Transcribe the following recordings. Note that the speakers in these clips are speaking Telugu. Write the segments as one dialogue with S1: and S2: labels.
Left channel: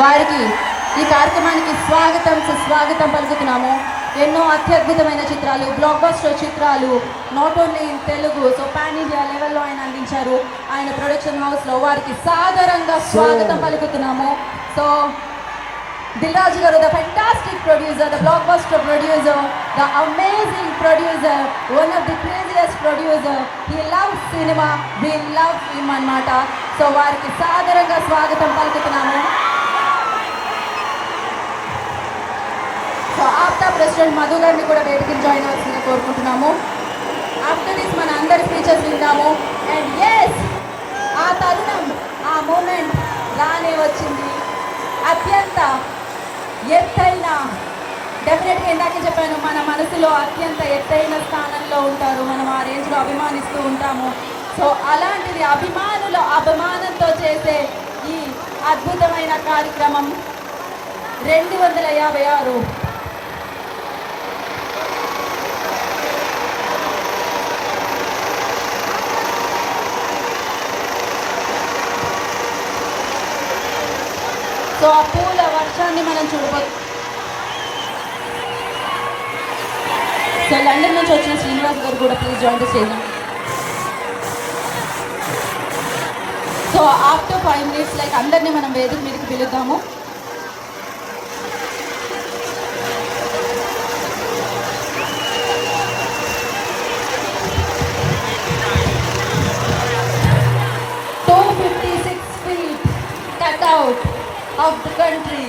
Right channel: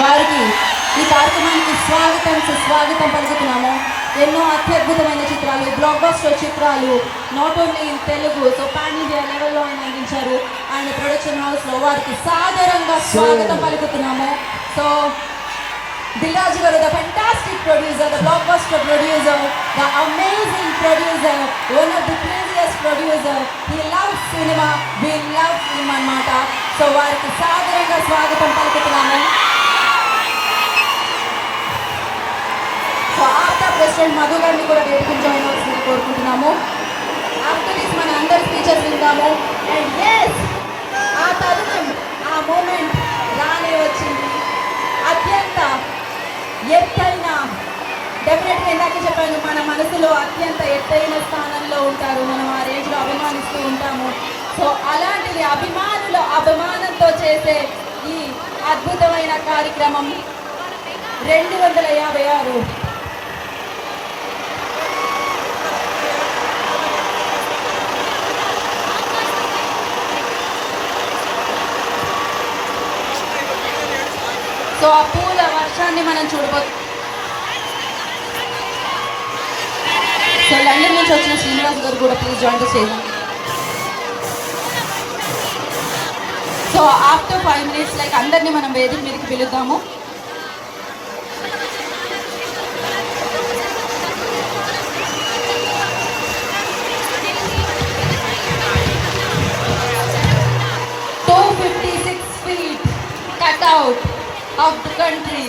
S1: వారికి ఈ కార్యక్రమానికి స్వాగతం సుస్వాగతం పలుకుతున్నాము. ఎన్నో అత్యద్భుతమైన చిత్రాలు బ్లాక్ బస్టర్ చిత్రాలు not only in Telugu so pan India లెవెల్లో ఆయన అందించారు. ఆయన ప్రొడక్షన్ హౌస్లో వారికి సాదరంగా స్వాగతం పలుకుతున్నాము. సో దిల్రాజు గారు the fantastic producer the black blockbuster producer the amazing producer one of the previous producer he love cinema we love him అన్నమాట. సో వారికి సాదరంగా స్వాగతం ఆఫ్టర్ మధు గారిని కూడా వేదిక జాయిన్ చేసి కోరుకుంటున్నాము ఆఫ్టర్ మన అందరి స్పీచెస్ వింటాము. అండ్ ఎస్ ఆ తరుణం ఆ మూమెంట్ రానే వచ్చింది. అత్యంత ఎత్తైన డెఫినెట్గా ఇందాక చెప్పాను మన మనసులో అత్యంత ఎత్తైన స్థానంలో ఉంటారు. మనం ఆ రేంజ్లో అభిమానిస్తూ ఉంటాము. సో అలాంటి అభిమానుల అభిమానంతో చేసే ఈ అద్భుతమైన కార్యక్రమం రెండు వందల యాభై ఆరు సో ఆ పూల వర్షాన్ని మనం చూడబో సో లండన్ నుంచి వచ్చిన శ్రీనివాస్ గారు కూడా ప్లీజ్ జాయిన్ చేయండి so after five minutes like అందరినీ మనం వేదిక మీదకి పిలుద్దాము. ఆఫ్ ద కంట్రీ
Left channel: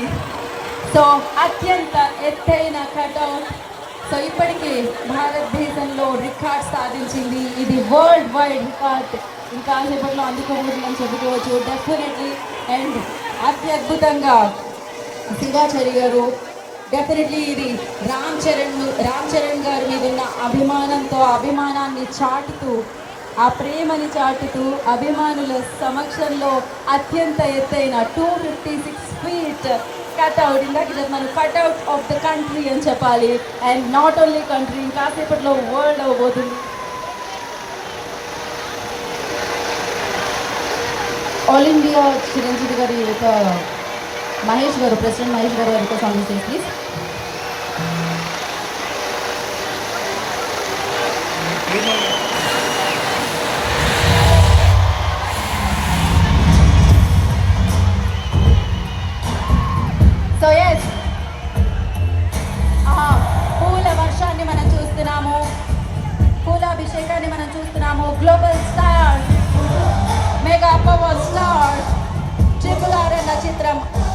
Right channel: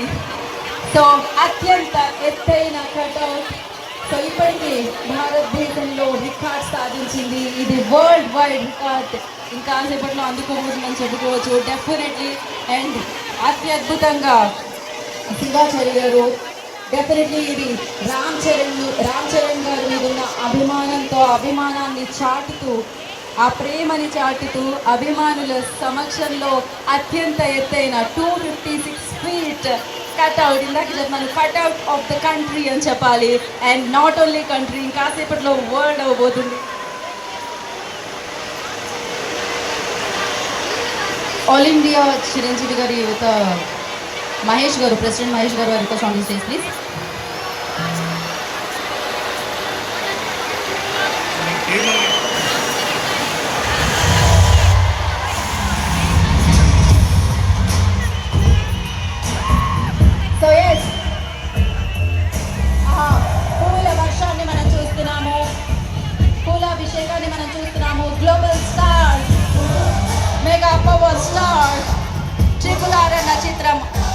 S1: సో అత్యంత ఎత్తైన కట్అవుట్ సో ఇప్పటికీ భారతదేశంలో రికార్డ్ సాధించింది. ఇది వరల్డ్ వైడ్ రికార్డ్ ఇంకా సేపట్లో అందుకోబోతుందని చెప్పుకోవచ్చు. డెఫినెట్లీ అండ్ అత్యద్భుతంగా సింగాచారి గారు డెఫినెట్లీ ఇది రామ్ చరణ్ రామ్ చరణ్ గారి మీద ఉన్న అభిమానంతో అభిమానాన్ని చాటుతూ ఆ ప్రేమని చాటుతూ అభిమానుల సమక్షంలో అత్యంత ఎత్తైన two fifty six feet cutout ఇందాక చెప్పాను కట్అవుట్ ఆఫ్ ద కంట్రీ అని చెప్పాలి. అండ్ నాట్ ఓన్లీ కంట్రీ ఇంకాసేపట్లో వరల్డ్ అవ్వబోతుంది. ఆల్ ఇండియా చిరంజీవి గారి యొక్క మహేష్ గారు ప్రెసిడెంట్ మహేష్ గారు వారి కోసం ప్లీజ్ Chitram